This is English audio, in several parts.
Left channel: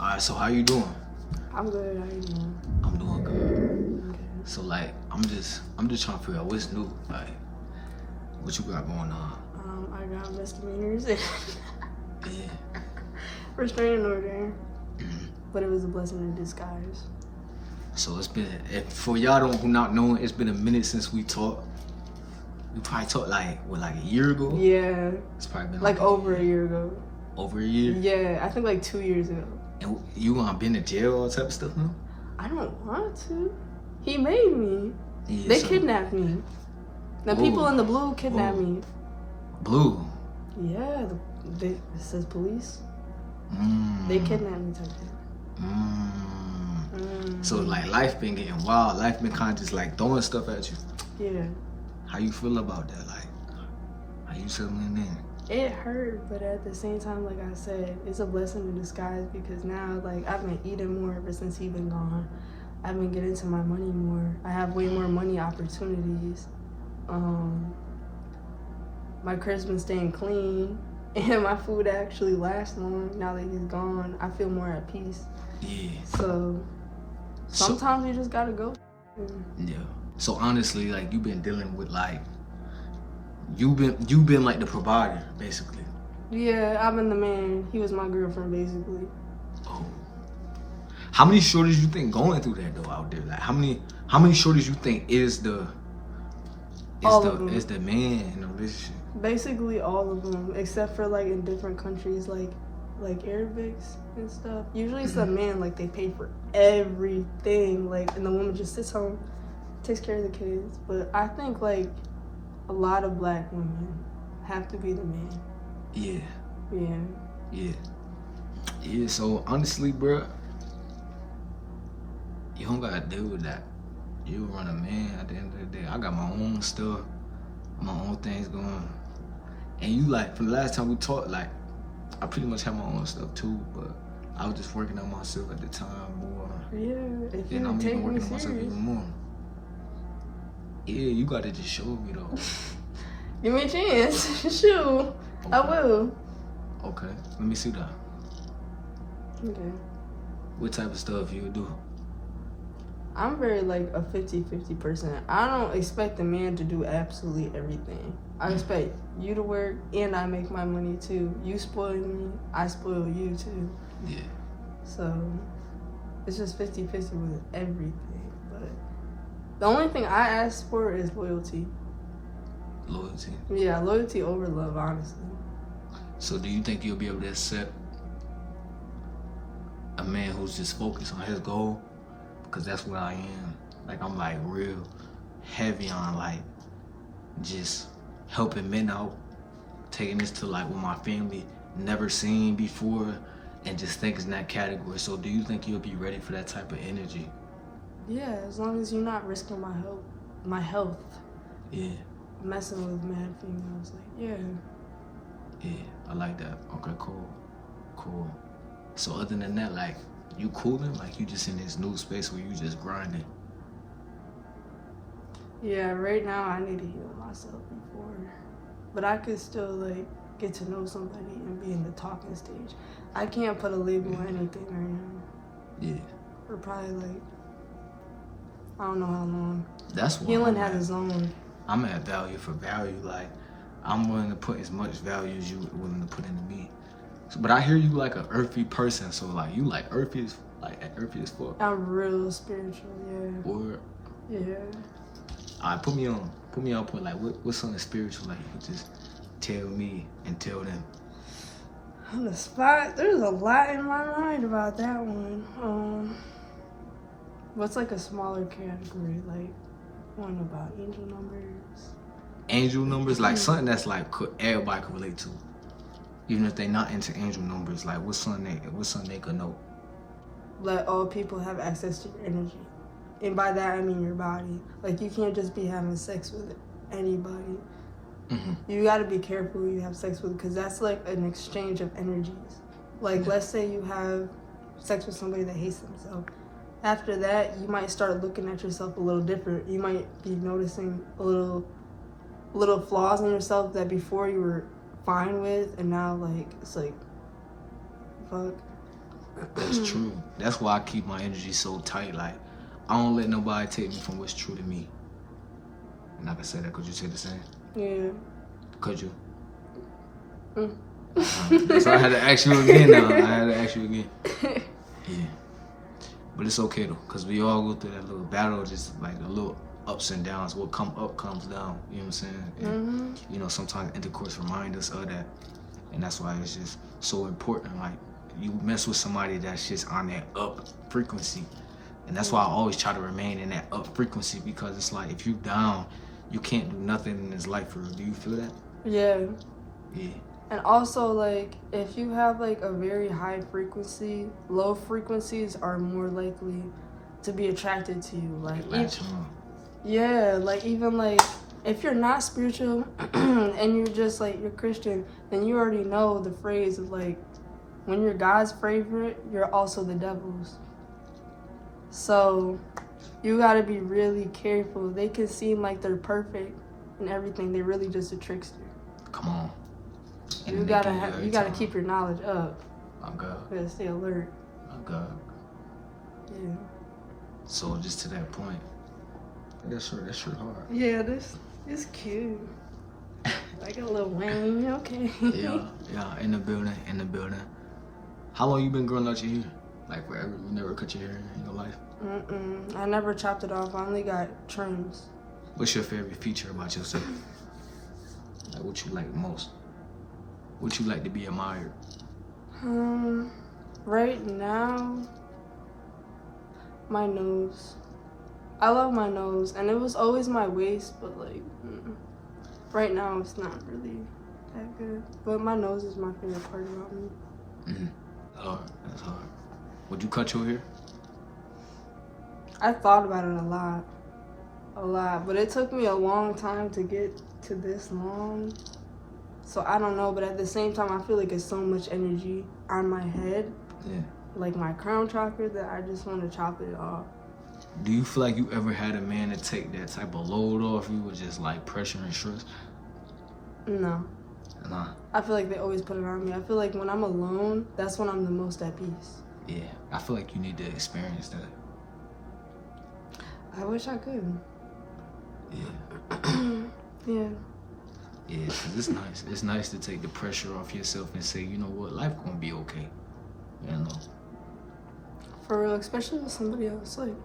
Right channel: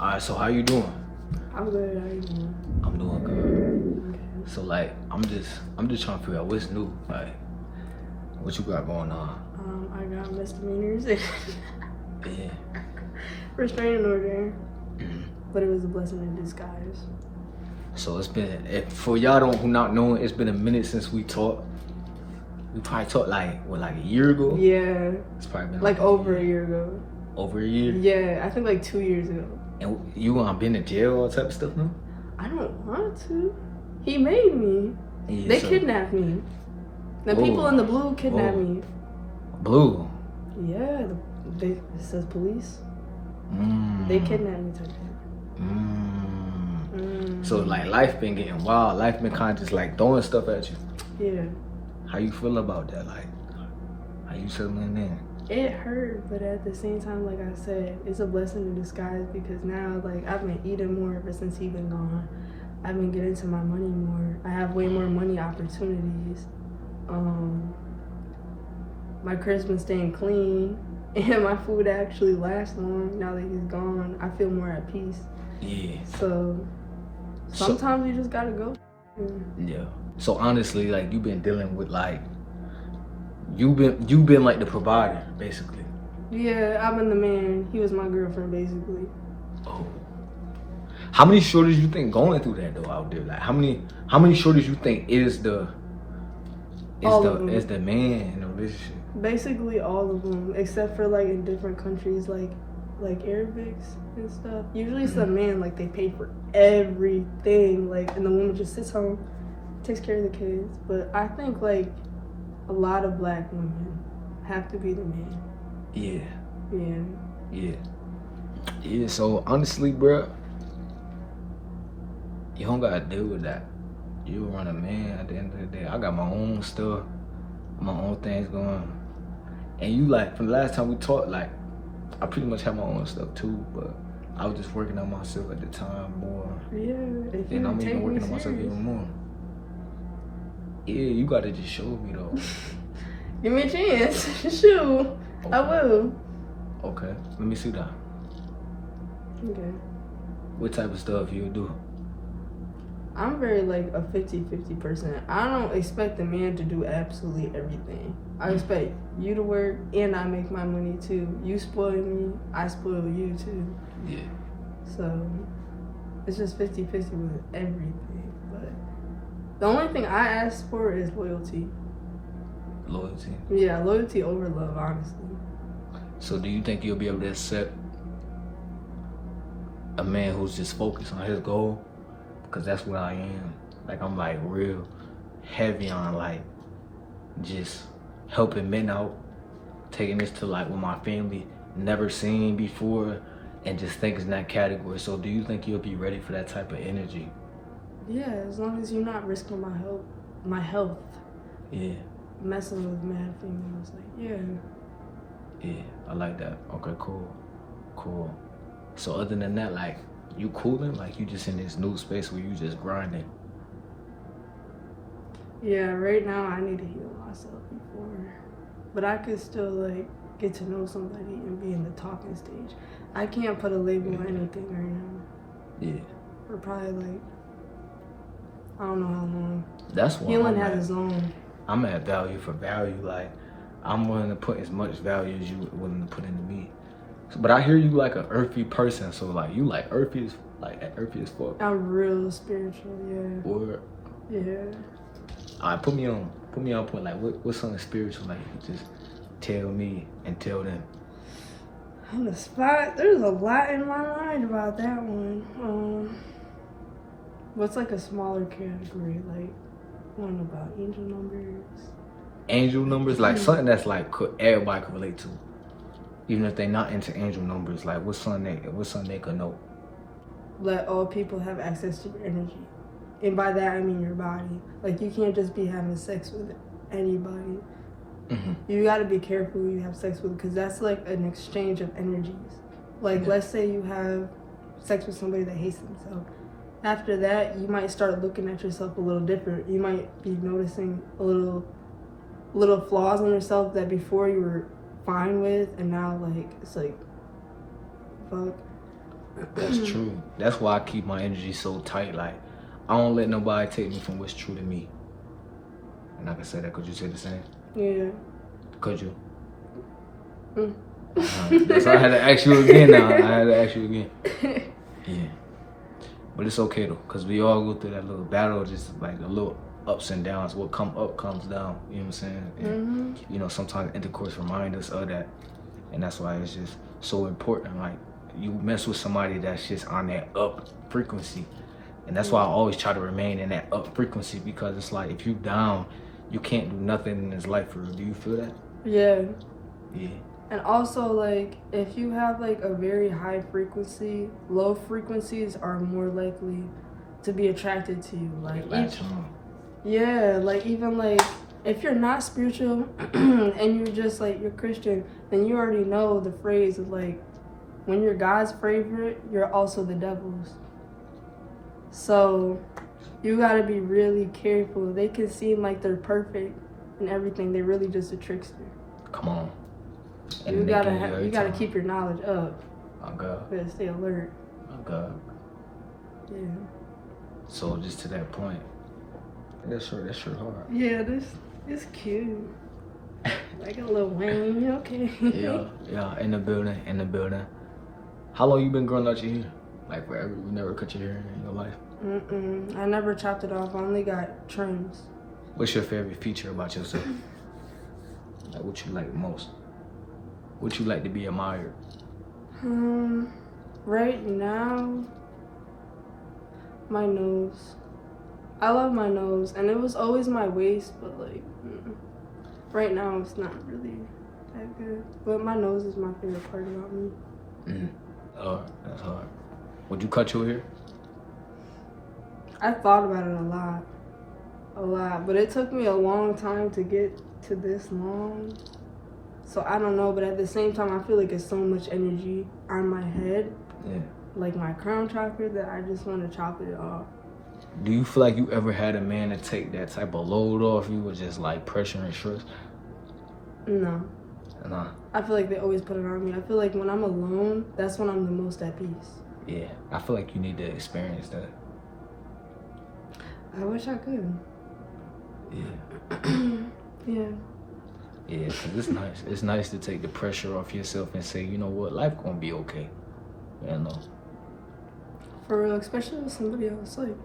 Alright, so how you doing? I'm good. How you doing? I'm doing good. Okay. So like, I'm just trying to figure out what's new. Like, what you got going on? I got misdemeanors. Yeah. Restraining order. Mhm. But it was a blessing in disguise. So it's been, for y'all who not knowing, it's been a minute since we talked. We probably talked like a year ago? Yeah. It's probably been like over a year ago. Over a year? Yeah, I think like 2 years ago. And you gonna been in jail, all type of stuff now? I don't want to. He made me. Yeah, They kidnapped me. The people in the blue kidnapped me. Blue? Yeah, it says police. They kidnapped me type thing. So like life been getting wild. Life been kind of just like throwing stuff at you. Yeah. How you feel about that? Like, how you settling in? It hurt, but at the same time, like I said, it's a blessing in disguise because now, like, I've been eating more ever since he's been gone. I've been getting to my money more. I have way more money opportunities. My crib's been staying clean, and my food actually lasts long. Now that he's gone, I feel more at peace. Yeah. So sometimes you just gotta go. Yeah. So honestly, like, you've been dealing with like, you've been like the provider, basically. Yeah, I've been the man. He was my girlfriend, basically. Oh. How many shorties you think going through that though out there? Like, how many shorties you think is the man in a relationship? Basically all of them, except for like in different countries, like Arabics and stuff. Usually it's the man, like they pay for everything, like, and the woman just sits home, takes care of the kids. But I think like a lot of black women have to be the man. Yeah. Yeah. Yeah. Yeah. So honestly, bruh, you don't gotta deal with that. You run a man at the end of the day. I got my own stuff, my own things going. And you, like, from the last time we talked, like, I pretty much had my own stuff too, but I was just working on myself at the time more. Yeah. And I'm even working on myself even more. Yeah, you gotta just show me though. Give me a chance. Shoot. Okay. I will. Okay. Let me see that. Okay. What type of stuff you do? I'm very like a 50-50 person. I don't expect the man to do absolutely everything. I expect you to work and I make my money too. You spoil me, I spoil you too. Yeah. So it's just 50-50 with everything. But the only thing I ask for is loyalty. Loyalty? Yeah, loyalty over love, honestly. So do you think you'll be able to accept a man who's just focused on his goal? Because that's what I am. Like, I'm like real heavy on like just helping men out, taking this to like what my family never seen before, and just think it's in that category. So do you think you'll be ready for that type of energy? Yeah, as long as you're not risking my health. Yeah. Messing with mad females, like, yeah. Yeah, I like that. Okay, cool. So other than that, like, you coolin'? Like, you just in this new space where you just grinding? Yeah, right now I need to heal myself before. But I could still, like, get to know somebody and be in the talking stage. I can't put a label on anything right now. Yeah. Or probably, like, I don't know how long. That's why healing has its own. I'm at value for value. Like, I'm willing to put as much value as you willing to put into me. But I hear you like an earthy person, so like you like earthy as fuck. I'm real spiritual, yeah. Word. Yeah. Alright, put me on point. Like, what's something spiritual? Like, you could just tell me and tell them. On the spot, there's a lot in my mind about that one. What's like a smaller category? Like one about angel numbers. Angel numbers, like something that's like everybody could relate to. Even if they're not into angel numbers, like what's something they could know? Let all people have access to your energy. And by that I mean your body. Like, you can't just be having sex with anybody. Mm-hmm. You gotta be careful who you have sex with, because that's like an exchange of energies. Like, let's say you have sex with somebody that hates themselves. After that, you might start looking at yourself a little different. You might be noticing a little flaws in yourself that before you were fine with, and now like it's like, fuck. That's true. That's why I keep my energy so tight. Like, I don't let nobody take me from what's true to me. And I can say that. Could you say the same? Yeah. Could you? So I had to ask you again now. Yeah. But it's okay though, because we all go through that little battle, just like the little ups and downs. What come up comes down. You know what I'm saying? And, you know, sometimes intercourse reminds us of that. And that's why it's just so important. Like, you mess with somebody that's just on that up frequency. And that's why I always try to remain in that up frequency, because it's like, if you down, you can't do nothing in this life for real. Do you feel that? Yeah. Yeah. And also, like, if you have like a very high frequency, low frequencies are more likely to be attracted to you. Like, yeah, like even like if you're not spiritual and you're just like you're Christian, then you already know the phrase of like, when you're God's favorite, you're also the devil's. So you gotta be really careful. They can seem like they're perfect and everything. They're really just a trickster. Come on. And you gotta keep your knowledge up. Oh God. You gotta stay alert. Oh God. Yeah. So just to that point, that's sure hard. Yeah, this is cute. Like a little Wayne, okay. Yeah, in the building. How long you been growing out your hair? Like forever? You never cut your hair in your life? I never chopped it off. I only got trims. What's your favorite feature about yourself? Like, what you like most? What you like to be admired? Right now, my nose. I love my nose, and it was always my waist, but like, right now it's not really that good. But my nose is my favorite part about me. That's hard. Would you cut your hair? I thought about it a lot, but it took me a long time to get to this long. So I don't know, but at the same time, I feel like it's so much energy on my head, like my crown chakra, that I just want to chop it off. Do you feel like you ever had a man to take that type of load off you, or just like pressure and stress? No. Nah. I feel like they always put it on me. I feel like when I'm alone, that's when I'm the most at peace. Yeah, I feel like you need to experience that. I wish I could. Yeah. Yeah. Yeah, because it's nice. It's nice to take the pressure off yourself and say, you know what, life gonna be okay. You know? For real, especially with somebody else. Like,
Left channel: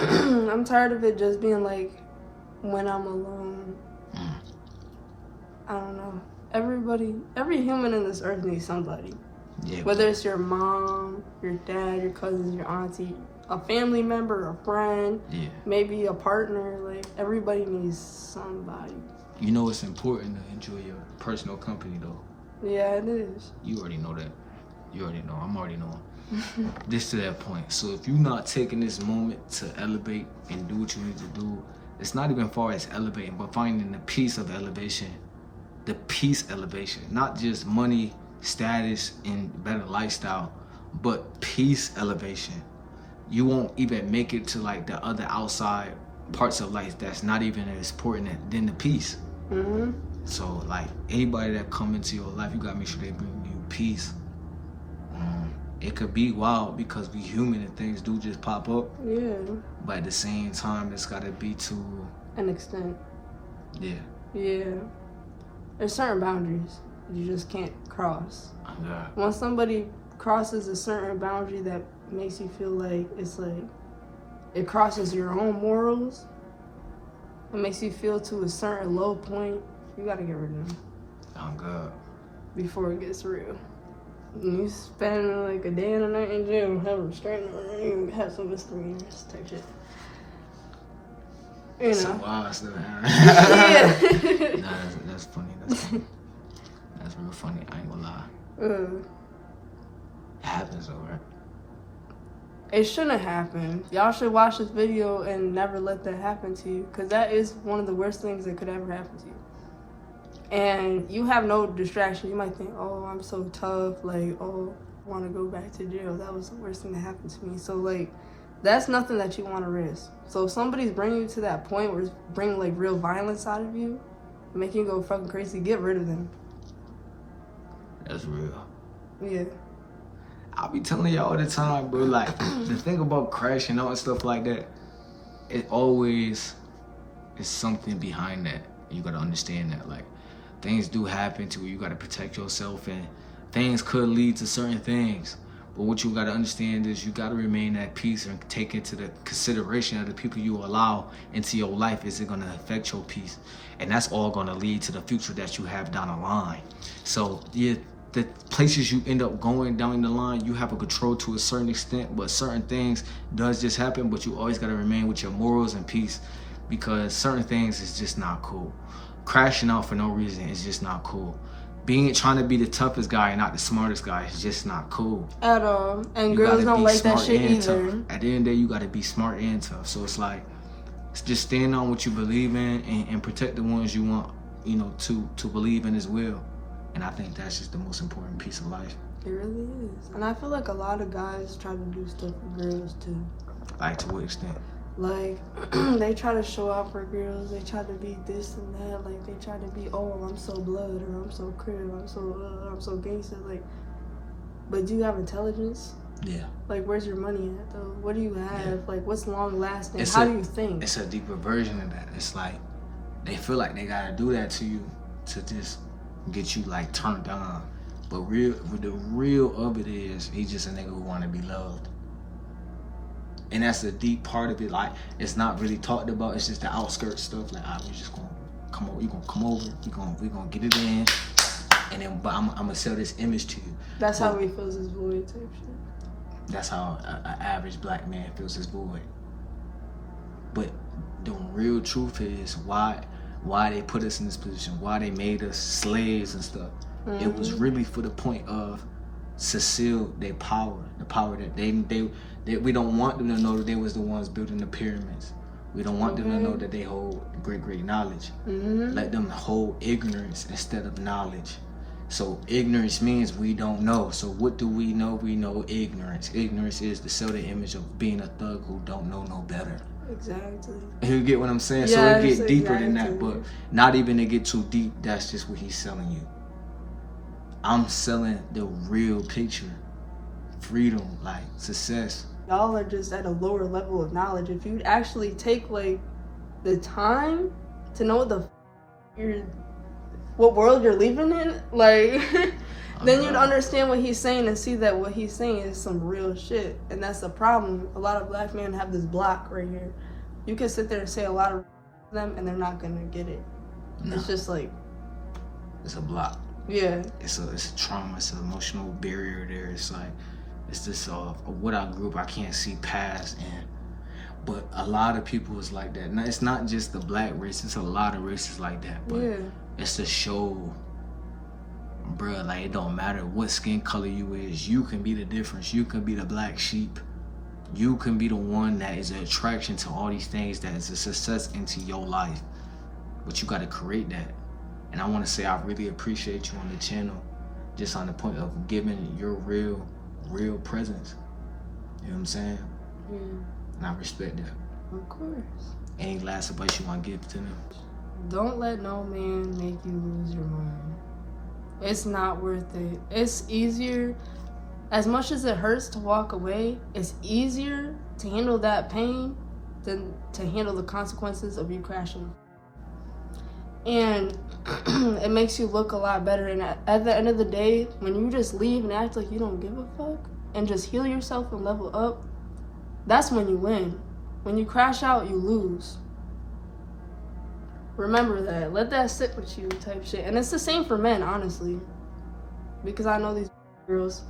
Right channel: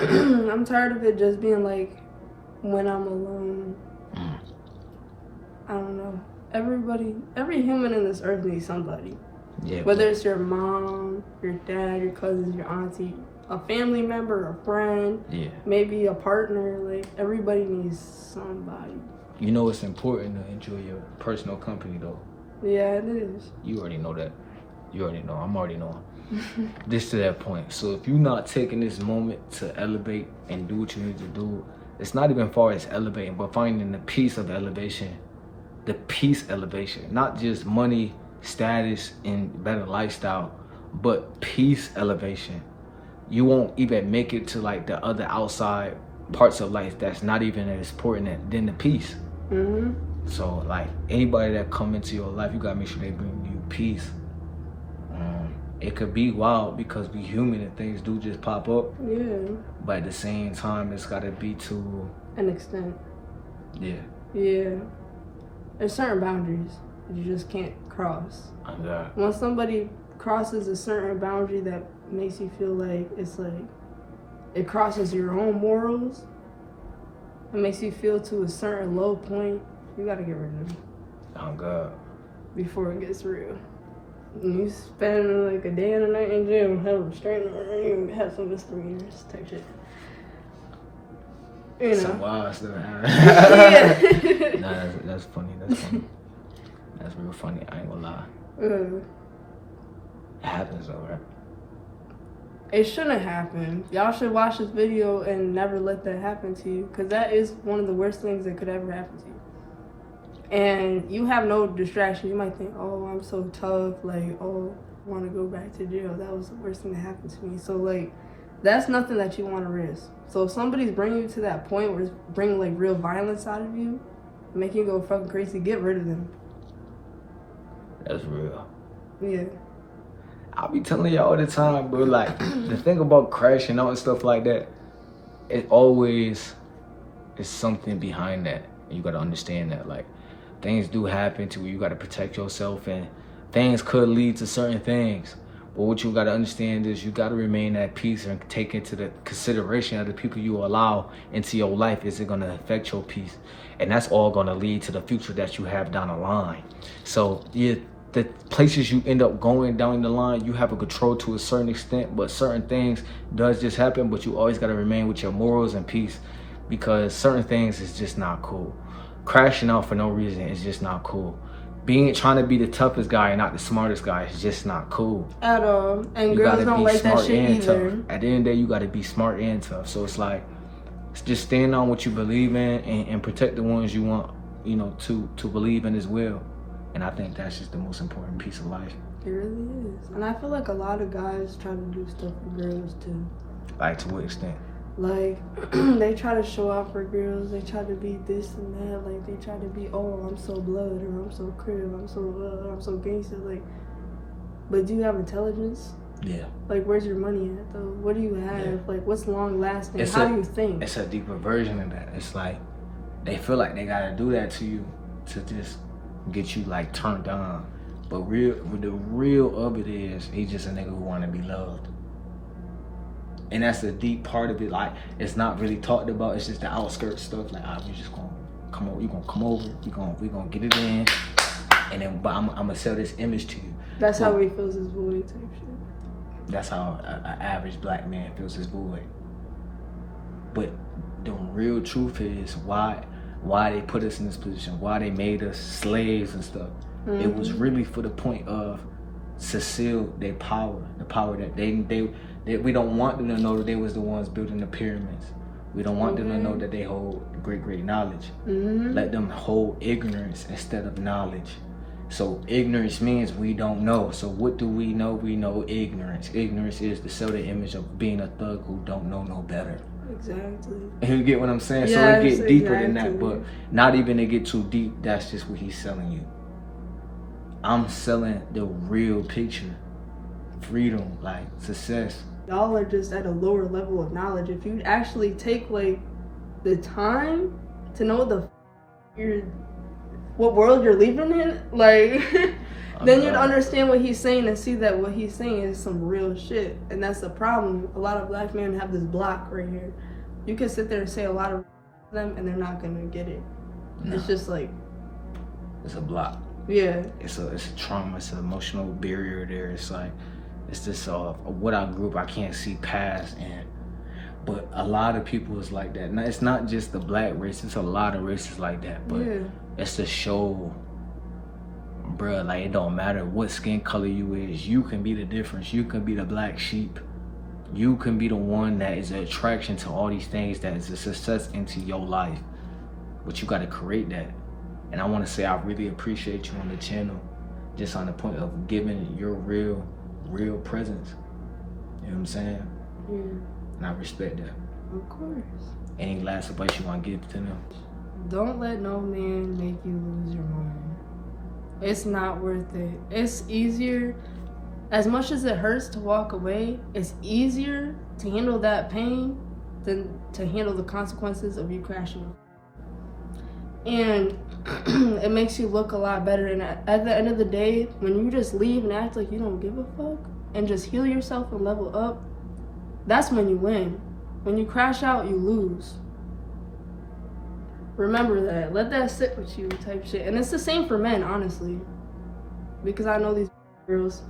I'm tired of it just being like, when I'm alone. I don't know. Every human in this earth needs somebody. Yeah. Whether it's your mom, your dad, your cousins, your auntie, a family member, a friend, maybe a partner. Like, everybody needs somebody. You know it's important to enjoy your personal company, though. Yeah, it is. You already know that. You already know. I'm already knowing. This to that point. So if you're not taking this moment to elevate and do what you need to do, it's not even far as elevating, but finding the peace of elevation. The peace elevation. Not just money, status, and better lifestyle, but peace elevation. You won't even make it to like the other outside parts of life that's not even as important than the peace. So like anybody that come into your life, you gotta make sure they bring you peace. It could be wild because we human and things do just pop up. Yeah. But at the same time, it's gotta be to an extent. Yeah. Yeah. There's certain boundaries you just can't cross. When somebody crosses a certain boundary that makes you feel like it's like it crosses your own morals, it makes you feel to a certain low point, you gotta get rid of them. Oh God. Before it gets real. You spend like a day and a night in jail, have a restraining order, you have some misdemeanors type shit. You know. Some wild stuff. Nah, that's funny. That's real funny. I ain't gonna lie. It happens though, right? It shouldn't happen. Y'all should watch this video and never let that happen to you, because that is one of the worst things that could ever happen to you. And you have no distraction. You might think, oh, I'm so tough. Like, oh, I want to go back to jail. That was the worst thing that happened to me. So, like, that's nothing that you want to risk. So if somebody's bringing you to that point where it's bringing, like, real violence out of you, making you go fucking crazy, get rid of them. That's real. Yeah. I be telling y'all all the time, bro, like, the thing about crashing out and stuff like that, it always is something behind that. And you gotta understand that, like, things do happen to you. You gotta protect yourself, and things could lead to certain things. But what you gotta understand is you gotta remain at peace and take into the consideration of the people you allow into your life. Is it gonna affect your peace? And that's all gonna lead to the future that you have down the line. So yeah, the places you end up going down the line, you have a control to a certain extent, but certain things does just happen. But you always gotta remain with your morals and peace, because certain things is just not cool. Crashing out for no reason is just not cool. Trying to be the toughest guy and not the smartest guy is just not cool At all. And you girls gotta don't be like smart that shit and either. tough. At the end of the day, you gotta be smart and tough. So it's like, just stand on what you believe in, and protect the ones you want, you know, to believe in as well. And I think that's just the most important piece of life. It really is. And I feel like a lot of guys try to do stuff for girls too. Like, to what extent? Like, they try to show out for girls. They try to be this and that. Like, they try to be, oh, I'm so blood, or I'm so crib, I'm so gangster. Like, but do you have intelligence? Yeah. Like, where's your money at, though? What do you have? Yeah. Like, what's long lasting? How do you think? It's a deeper version of that. It's like, they feel like they gotta do that to you to just get you, like, turned on. But the real of it is, he's just a nigga who wanna be loved. And that's the deep part of it. Like, it's not really talked about. It's just the outskirts stuff. Like, we just gonna come over. You gonna come over. We gonna get it in. And then, but I'm gonna sell this image to you. That's how he feels his void type shit. That's how an average black man feels his void. But the real truth is why they put us in this position. Why they made us slaves and stuff. Mm-hmm. It was really for the point of to seal their power. The power that we don't want them to know that they was the ones building the pyramids. We don't want them to know that they hold great knowledge. Mm-hmm. Let them hold ignorance instead of knowledge. So ignorance means we don't know. So what do we know? We know ignorance. Ignorance is to sell the image of being a thug who don't know no better. Exactly. You get what I'm saying? Yes, so it get deeper than that, exactly. but not even to get too deep, that's just what he's selling you. I'm selling the real picture. Freedom, like success. Y'all are just at a lower level of knowledge. If you actually take like the time to know what world you're living in, like then you'd understand what he's saying and see that what he's saying is some real shit. And that's the problem. A lot of black men have this block right here. You can sit there and say a lot of them and they're not gonna get it. No. It's just like, it's a block. Yeah. It's a trauma. It's an emotional barrier there. It's like, it's just what I grew up, I can't see past. But a lot of people is like that. Now, it's not just the black race. It's a lot of races like that. But it's to show, bruh, like, it don't matter what skin color you is. You can be the difference. You can be the black sheep. You can be the one that is an attraction to all these things that is a success into your life. But you got to create that. And I want to say I really appreciate you on the channel, just on the point of giving your real presence. You know what I'm saying? And I respect that. Of course. Any last advice you want to give to them? Don't let no man make you lose your mind. It's not worth it. It's easier, as much as it hurts to walk away, it's easier to handle that pain than to handle the consequences of you crashing. And it makes you look a lot better. And at the end of the day, when you just leave and act like you don't give a fuck and just heal yourself and level up, that's when you win. When you crash out, you lose. Remember that. Let that sit with you type shit. And it's the same for men, honestly. Because I know these girls.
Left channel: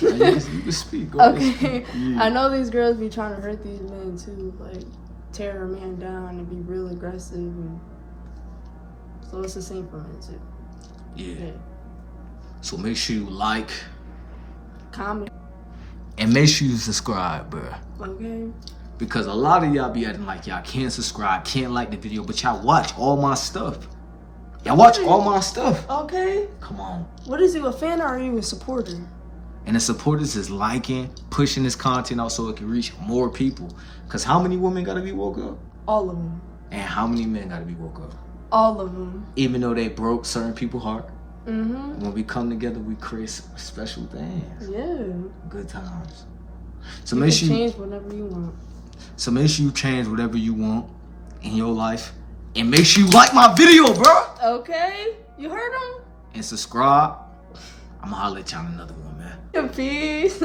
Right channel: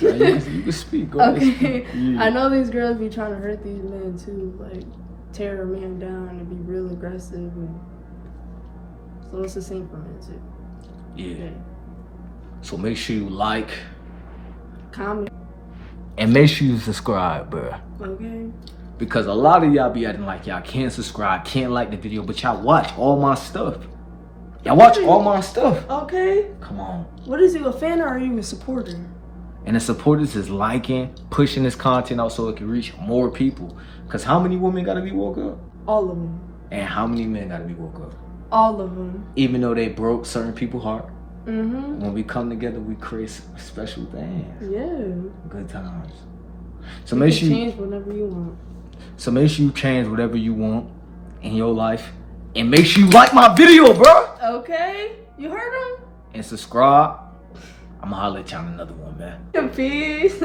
You can speak. Go Okay. Yeah. I know these girls be trying to hurt these men too. Like, tear a man down and be real aggressive. And so it's the same for men too. Yeah. So make sure you like, comment, and make sure you subscribe, bro. Okay. Because a lot of y'all be acting like y'all can't subscribe, can't like the video, but y'all watch all my stuff. Y'all watch all my stuff. Okay. Come on. What is you, a fan or are you a supporter? And the supporters is liking, pushing this content out so it can reach more people. Because how many women got to be woke up? All of them. And how many men got to be woke up? All of them. Even though they broke certain people's heart. When we come together, we create special things. Yeah. Good times. So You make can sure change whatever you want. So make sure you change whatever you want in your life, and make sure you like my video, bro. Okay, you heard him. And subscribe. I'ma holler at you on another one, man. Peace.